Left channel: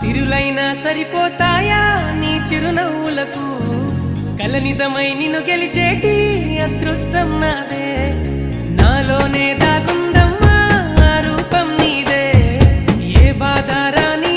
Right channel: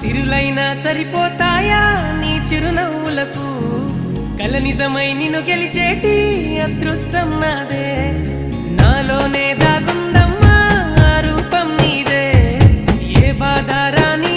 సిరులైనా సరిపోతాయా నీ చిరునవ్వులకు కల నిజమై నిన్ను గెలిచేటి అదృష్టం నాదే నాలోనే దాగుందమ్మా ఆ రూపం నీదే ఏ బాధ రాని